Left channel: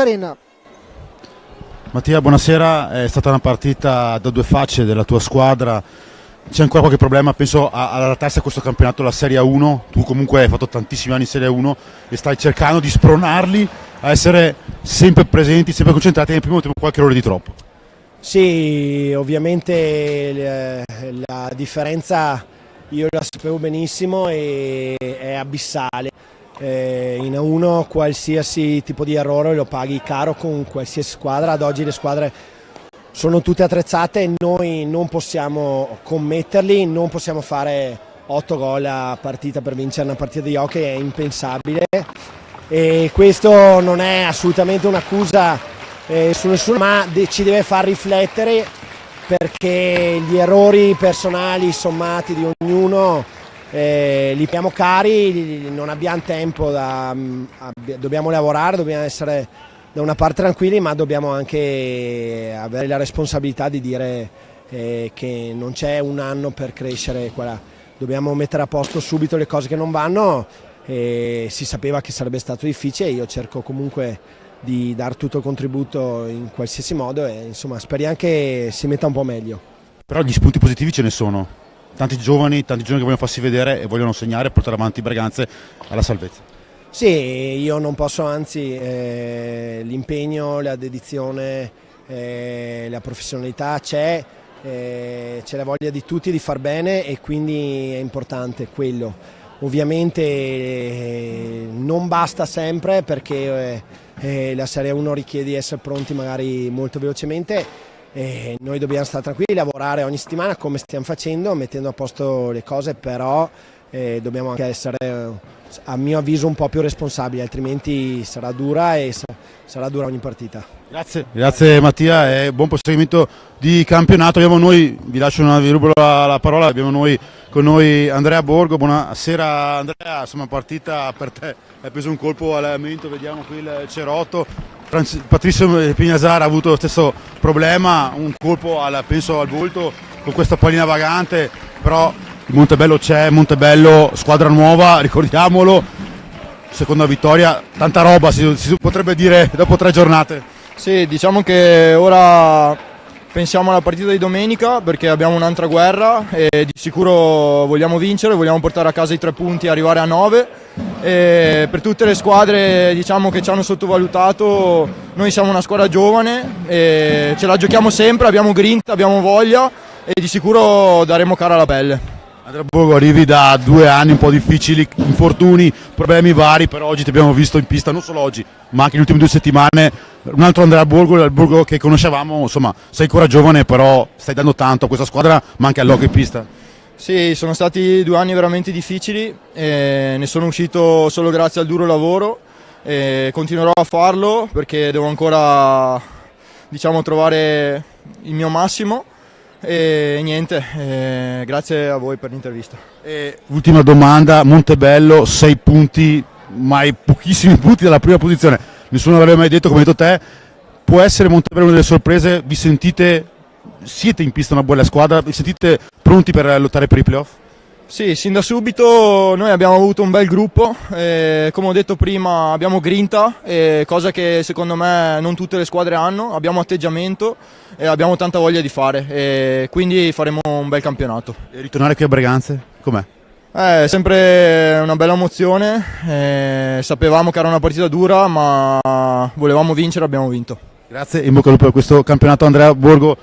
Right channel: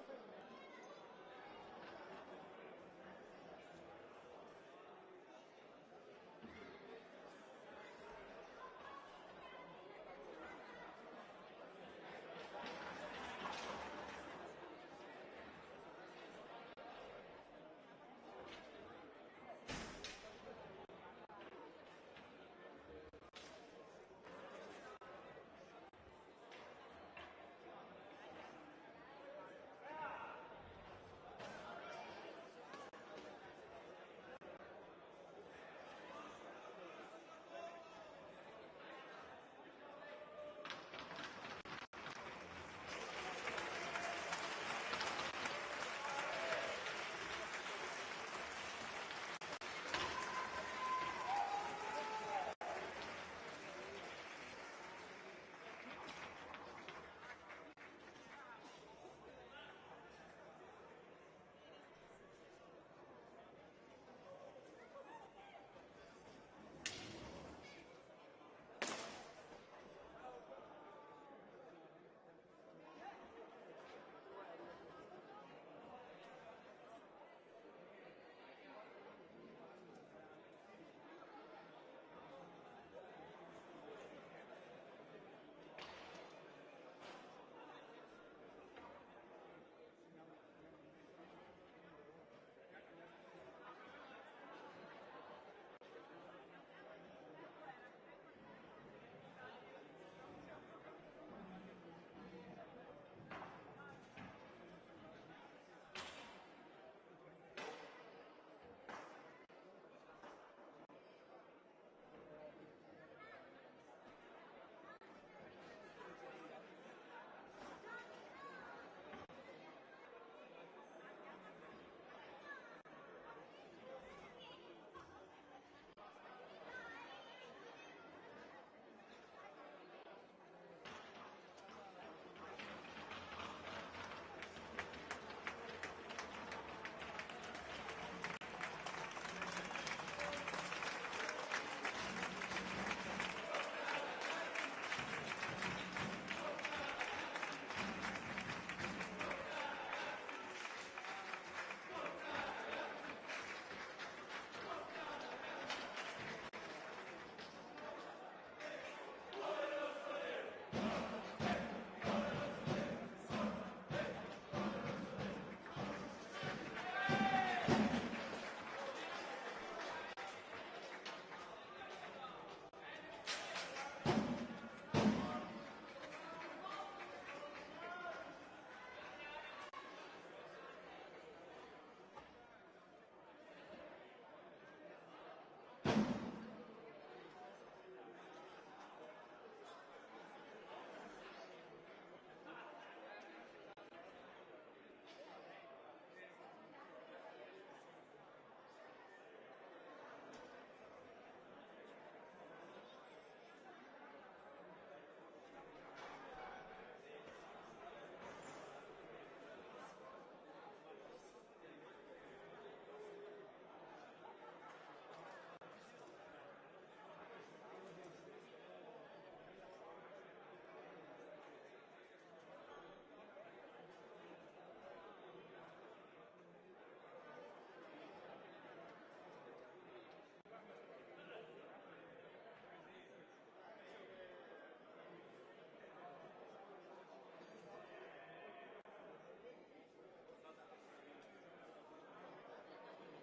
Arena. Mattia, buonasera, è stata una partita da due facce della tua squadra, c'è ancora qualche problema, penso all'adattarsi a questo campionato, la Serie 1, tu comunque hai fatto tantissimi anni in Serie 1 e stai cercando di spronarli a essere sempre presenti, sempre concentrati, nel primo tempo qualche errore di troppo. Sì, ovviamente la differenza io la sapevo benissimo e è abissale. In A1 qualsiasi tipo di errore lo paghi caro con qualsiasi squadra. Ad oggi le squadre sono tutte attrezzate e noi non possiamo commetterli, non possiamo fare 8 gol a partita per vincere una partita di hockey, è impensabile e questo non è assolutamente un'accusa su nessuno, ma ci deve far riflettere, perché gli errori personali sommati di ognuno li paghiamo cari, non abbiamo tempo, dobbiamo lavorare, dobbiamo essere da una parte tranquilli, ma dobbiamo anche avere la responsabilità di dire che non c'è un anno per crescere qua. Dobbiamo mettere a posto subito le cose che non vanno, si sapeva che sarebbe stato difficile, io cerco comunque di dare tutto il contributo in qualsiasi modo e insomma speriamo che si metta un po' meglio. Però gli spunti positivi ce ne sono, tanti giovani che vogliono farsi vedere e vogliono segnare e portare avanti Berganze alla salvezza. Sì, io non posso, anzi l'impegno, la dedizione, la professionalità c'è la voglia di tutti di far bene e quindi è importante quello. Ovviamente non basta sempre, perché la Serie 1 richiede di essere pronti magari molto velocemente. Noi dobbiamo stare tranquilli, lavorare ogni settimana come stiamo facendo, mettendo a posto le cose, però dobbiamo anche essere, a mio avviso, un po' più responsabili, altrimenti sarà dura e sarà dura ogni partita. Grazie Mattia e buon proseguimento di campionato. Vi lascio vi rubo la parola, abbiamo con noi Andrea Borgo. Buonasera Andrea, insomma partita per te, hai preso un colpo al mento, vediamo qui il cerotto. Patrizio Pignasara ha avuto lo stesso problema, un colpo penso al volto con questa pallina vagante, però il Montebello c'è, Montebello squadra nuova, ricordiamolo, seconda vittoria, tanta roba si potrebbe dire dopo 3 giornate. Sì, diciamo che ora pensiamo alla partita di domenica, perché abbiamo un'altra guerra e di sicuro vogliamo vincere, vogliamo portare a casa i 3 punti e arrivare a 9. E per tutte le squadre, diciamo, che ci hanno sottovalutato, noi siamo una squadra giovane e ce la giochiamo sempre, abbiamo grinta, abbiamo voglia e di sicuro daremo cara alla pelle. Andrea Borgo, arrivi da 2 anni un po' difficili, infortuni, problemi vari, però oggi ti abbiamo visto in pista, non solo oggi, ma anche le ultime 2 settimane. Un altro Andrea Borgo, il Borgo che conoscevamo, insomma, sei ancora giovane, però stai dando tanto a questa squadra, ma anche all'hockey in pista. Sì, sono stati 2 anni veramente difficili, e ne sono uscito solo grazie al duro lavoro e continuerò a farlo perché devo ancora, diciamo, trovare il mio massimo. E niente, grazie a voi per l'intervista. Ultima domanda, Montebello 6 punti, mai pochissimi punti dalla prima posizione, nessuno l'aveva mai detto, come hai detto te, può essere Montebello una delle sorprese? Siete in pista una buona squadra, vi sentite pronti per lottare per i playoff? Sì, sin da subito noi abbiamo avuto un bel gruppo, come ho detto prima abbiamo grinta, cosa che secondo me non tutte le squadre hanno, abbiamo atteggiamento e abbiamo tanta voglia di fare, e quindi faremo un bel campionato. E ritornare qui a Berganze, com'è? È sempre una bella emozione, sapevamo che era una partita dura ma volevamo vincere, abbiamo vinto. Grazie, in bocca al lupo per questo campionato Andrea Borgo.